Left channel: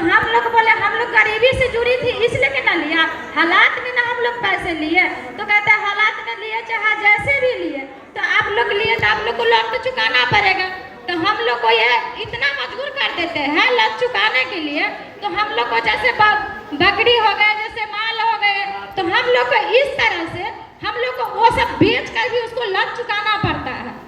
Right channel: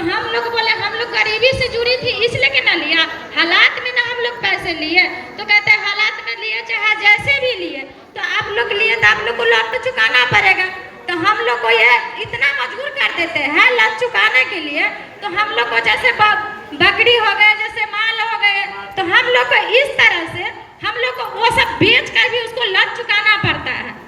तो हम लोग बोले हम लोग गरीबी से जुड़ी थी इसलिए कि ना लिया, हालात में ना हम लोग पैसे लिए। तो कहते हैं हालात में लिए चाहे जैसे भी लिए, तो आप लोग लिए तो आप लोग को लोन तो चुकाना पड़ेगा। तो हम लोग को ये इतना मजबूर कर देते हैं लोन चुकाने के लिए। तो हम लोग को जैसे बकरी हो गए, जैसे माल हो गए, तो हम लोग को इस तरह से हम लोग को वो सब बेच कर भी उसको लोन चुकाना पड़ता है।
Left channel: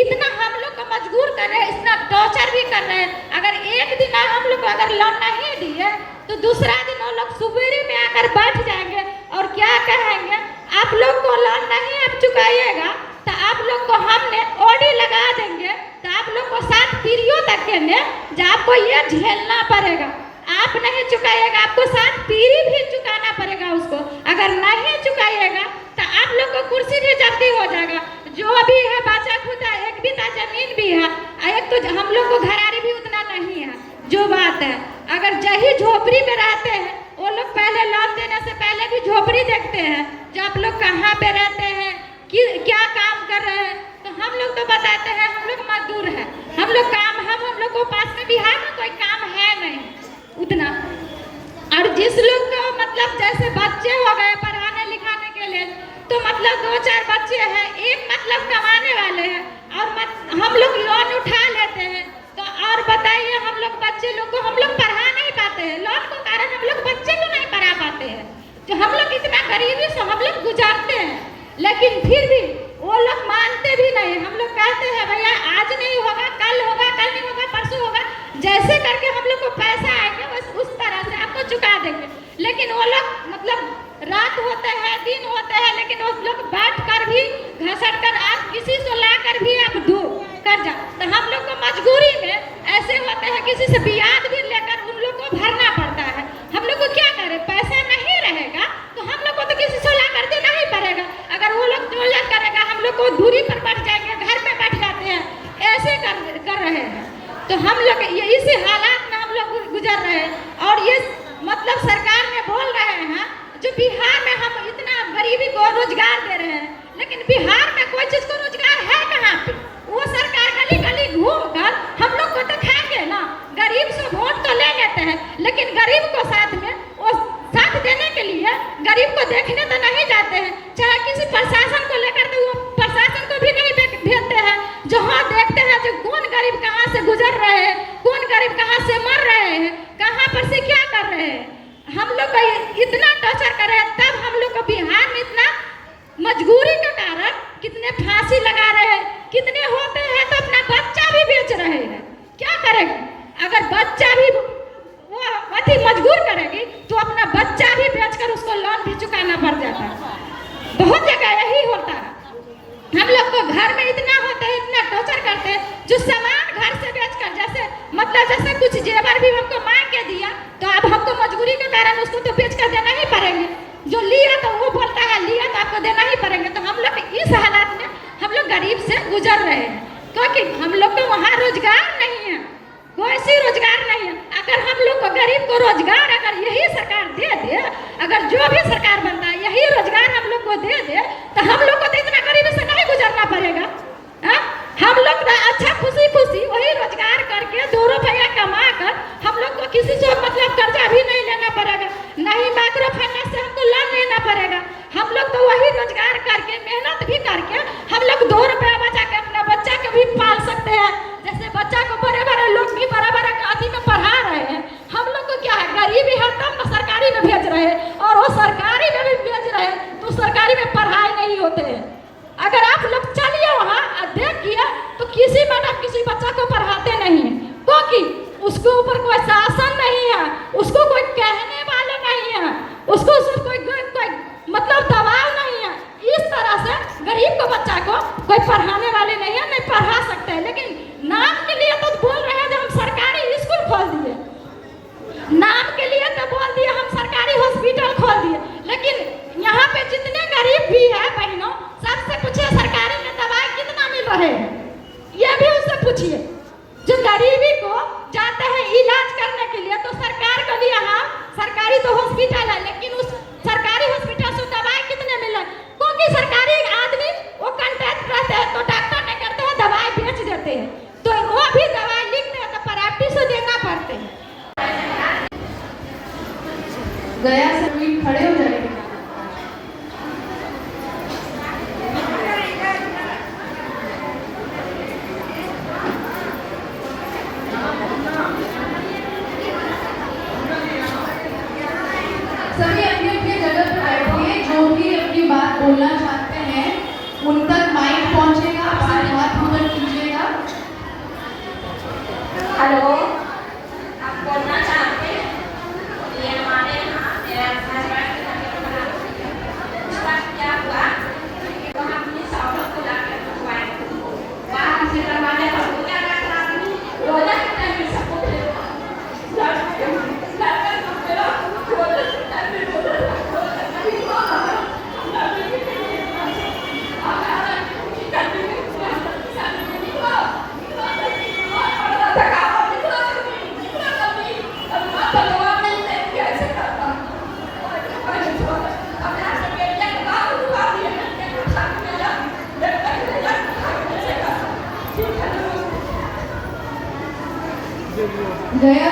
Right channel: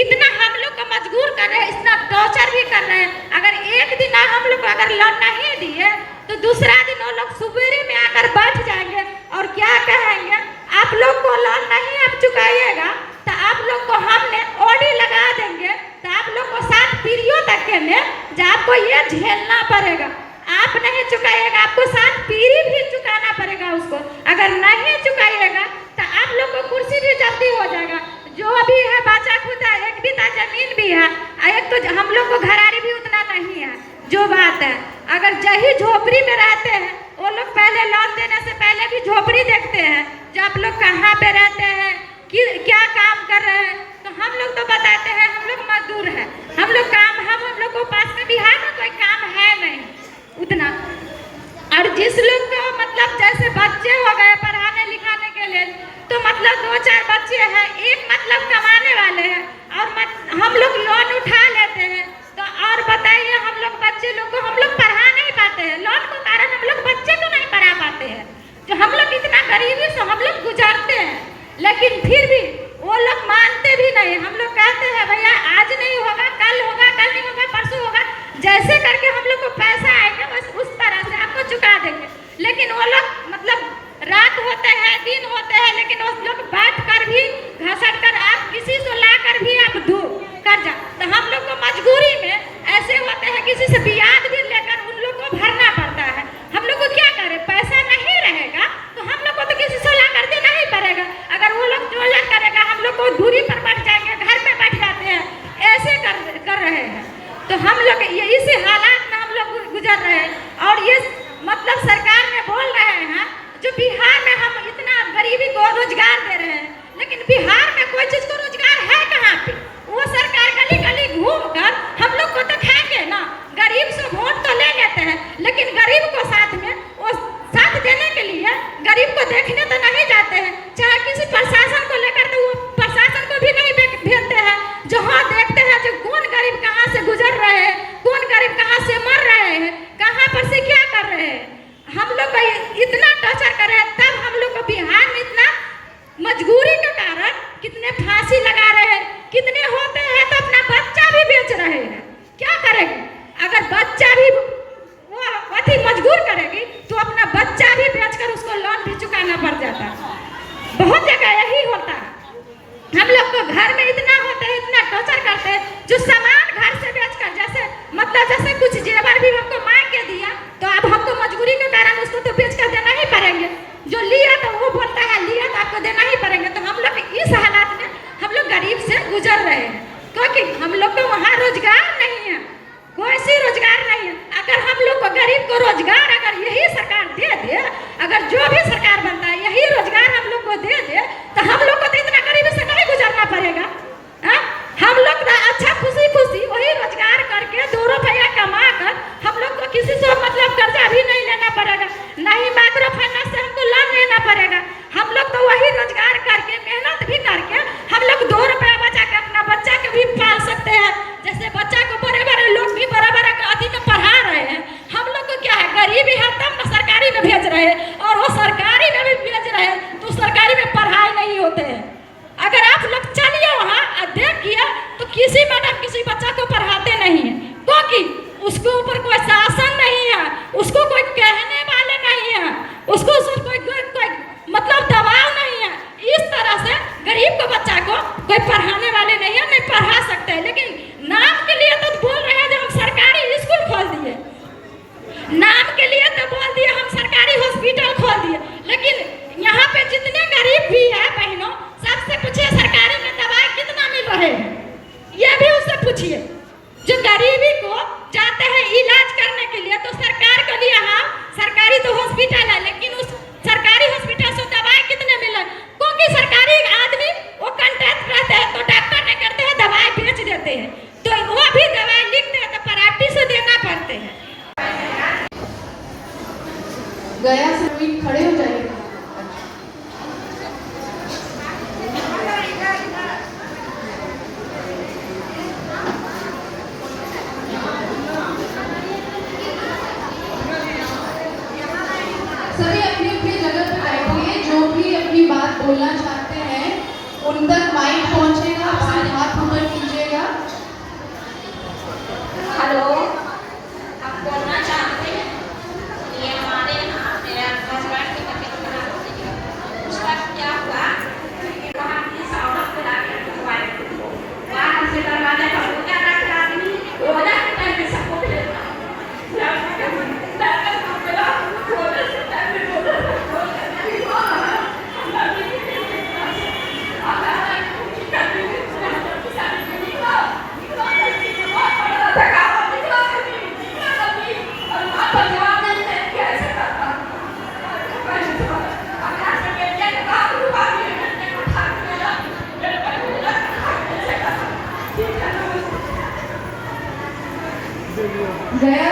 इतना हम लोग को मजबूर कर रहे हैं, इतना टॉर्चर भी कर रहे हैं। अगर एक दिन हम लोग को अगर लोन नहीं दिए तो दूसरा दिन वो लोग सुबेरे में आकर बैठ जाएंगे और क्या कहेंगे, आप लोग को लोन नहीं आप चुकाइएगा तो आप लोग को हमने ओडी लगा देंगे, तो आप लोग को 7 पीढ़ियों तक के में जो आपको ये झेलना पड़ेगा। आप नहीं चुकाइएगा, आपको 7 पीढ़ी भी चुकाना पड़ेगा उसको। अगर नहीं चुकाइएगा तो आप लोग को कुर्सी भी जल्दी हो जाएगा। जो भी है बचा खुदा, एक बिता जमीन भी है, एक तो हम लोग को घरारी भी उतना नहीं है। जो बात है, अगर जही झोपड़ी में रहते हैं वो लोग पहले लोन देने से पहले भी झोपड़ी देखते हैं, जो आप लोग कहाँ पे रहते हैं, क्या काम कर रहे हैं। तो हम लोग तो बताते हैं हम लोग मजदूर हैं, हम लोग काम हम लोग को पास में बिहार में कोई काम है नहीं उतना। और जिस लोग को मतलब जैसे बच्चे हो गए पढ़ाने लिखाने के लिए, तो मतलब 2-4 बच्चे हैं, एक मतलब कमाने वाले हैं और हम लोग लोन उठा लेते हैं। तो और बताइए हम लोग बच्चे लोग को हम लोग पढ़ा नहीं पाते हैं, लोन के कारण हम लोग बच्चे को नहीं पढ़ा पाते हैं। तो हम लोग इतना गरीबी से हम लोग गुजारते हैं, लेकिन फिर भी वो लोग मानते भी नहीं। हम लोग कहते हैं भैया आज नहीं होगा, कल होगा, कल नहीं होगा, परसों होगा, जैसे करके हम लोग को पैसा आएगा बस उस तरह से आपको चुका देंगे। लेकिन वो लोग मतलब रात होते हैं दिन होते हैं, लेकिन वो लोग बैठ कर भी घसट कर आप किसी से ला कर भी आप दो कर जा। तो हम लोग को मजबूरी में ऐसे होते हैं किसी से ब्याज भी लेकर उन लोग को भरना पड़ता है। हम लोग को क्या करें, पैसा नहीं रहेगा तो हम लोग को तो किसी से ला कर देना ही पड़ेगा। अगर वो लोग जो करेगा हम लोग को दूरी पर बैठ जाएंगे, घर में बैठ जाते हैं, ऐसे कर रहे हैं। तो हम लोग ये इसी हालात में हम लोग गुजर रहे हैं। और ये मतलब सरकार में बोल रहे हैं जो बिहार में हम इतना गरीबी को रोजगार दे रहे हैं, लेकिन बिहार में कोई चीज को रोजगार है कहाँ पे। वो सरकार गली गली घूम कर हम लोग को तो खाएंगे ना, गरीब से वोट तो ले लेते हैं, लेकिन गरीब को साथ में वो साथ देने के लिए गरीब को देखने तो नहीं जाते हैं। चाहे किसी प्रशासन को लेकर तो वो प्रशासन को भी नहीं भेजते हैं। जहाँ देखते हैं जो कौन गरीब कहाँ से गुजर रहे हैं, कौन गरीब कहाँ से मर रहे हैं, कहाँ पर से क्या कर रहे हैं। हम लोग को इतना टॉर्चर कर रहे हैं, तब हम लोग को बिहार में इतना मजबूरी के कारण कितने फांसी लगा रहे हैं, कितने होते हैं तो अपना बच्चा भी बेच रहे हैं। क्या करेंगे, अगर बच्चा भी वो अति मजबूर करेगी तो अपना बच्चा भी बेचकर उसको लोन भी चुकाना पड़ जाता है। बहुत जगह यही होता है। हम लोग को घर में इतना होते हैं, इतना टॉर्चर करते हैं, जो सामान घर से बेचकर जैसे कुछ जेवर भी हमको मांग के दिया तो अब हमको मजबूरी के कारण उसको तो बेच कर देना ही पड़ेंगे। जो लिया तो वो बोलता है लिया तो आपको देना ही पड़ेंगे। तो हम लोग इस हालात में हम लोग गरीब से गुजर रहे हैं, क्योंकि हम लोग को वहाँ रोजगार नहीं है, कोई सी रोजगार नहीं है। अगर हम लोग को गरीब को रोजगार अगर यही सरकार दे दे, अगर जो भी सरकार बनता है यही रोजगार हम लोग को दे दे, तो हम लोग को तो इतना गरीबी से नहीं गुजरना पड़ेगा। हम लोग अच्छा खुशी खुशी वही रोजगार करके 2 रुपया कमा कर हम लोग को किसी से मतलब कर्जा भी नहीं लेना पड़ेगा, नहीं माइक्रो फाइनेंस से हमको लोन लेना पड़ेगा। हम लोग तो वही रोजगार करके मेहनत भी करके हम लोग 2 रुपया बचा के अपना बच्चा को भी पाल सकते हैं। जैसे बच्चा को बड़े बड़े लोग भी बड़ा बड़ा अधिक में पढ़ा रहे हैं, हम लोग को क्या है गरीबी है तब ना सरकारी में भेज रहे हैं, और वो सरकारी में भी भेज रहे हैं तो सरकारी में पढ़ाई नहीं होते हैं। अगर आप लोग चलिए वहाँ देखिए तो किसी मैडम किसी बच्चा को पढ़ाते नहीं है, क्योंकि उसके ऊपर कोई शासन नहीं है, उसको कोई कहने वाले नहीं है, उसको कोई मतलब दबाव नहीं है। इस तरह से गरीब को बच्चा को कोई पढ़ाने वाले नहीं है, नहीं पढ़ा सकते हैं। लेकिन नाम के लिए तो बोल रहे हैं जो हम सरकारी स्कूल खोल दिए, नाम के लिए तो बोल दिए हम सरकारी हॉस्पिटल खोल दिए, लेकिन यहाँ पे जितने गरीब भी है बहनों सबसे पूछिए सरकारी में दवाई कितना मिल रहे हैं, ये भी उससे पूछिए। जो गरीबी को जाते हैं इलाज करने के लिए तो सरकार के लिए हाँ सरकारी तो हॉस्पिटल है, लेकिन उस सरकारी हॉस्पिटल से दवाई कितने मिले, क्योंकि सरकारी आदमी वो कंट्रैक्ट रहते हैं तो डॉक्टर ने करते हैं दवाई बेच देते हैं, तो वो भी दवाई लिखते हैं तो प्राइवेट से देना पड़ते हैं। गया से नवीन खड़े हो जाइए। सभी अपनी अपनी जगह पर बैठिए। जो भी अपनी बात बोलना चाहते हैं उन तक माइक पहुंचेगा, आप सिर्फ हाथ ऊपर कीजिएगा। हेलो, आप बोलना चाहते हैं? ये हमारे यहाँ मेरा हस्बैंड की तबीयत खराब हो गई है। उसका क्या हुआ कि वहाँ अपनी साउथ को डॉक्टर को बुलाए थे। वहाँ हमसे करवाने का वो क्या डॉक्टर आदमी रोजा के टाइम में सबको भेजा। गया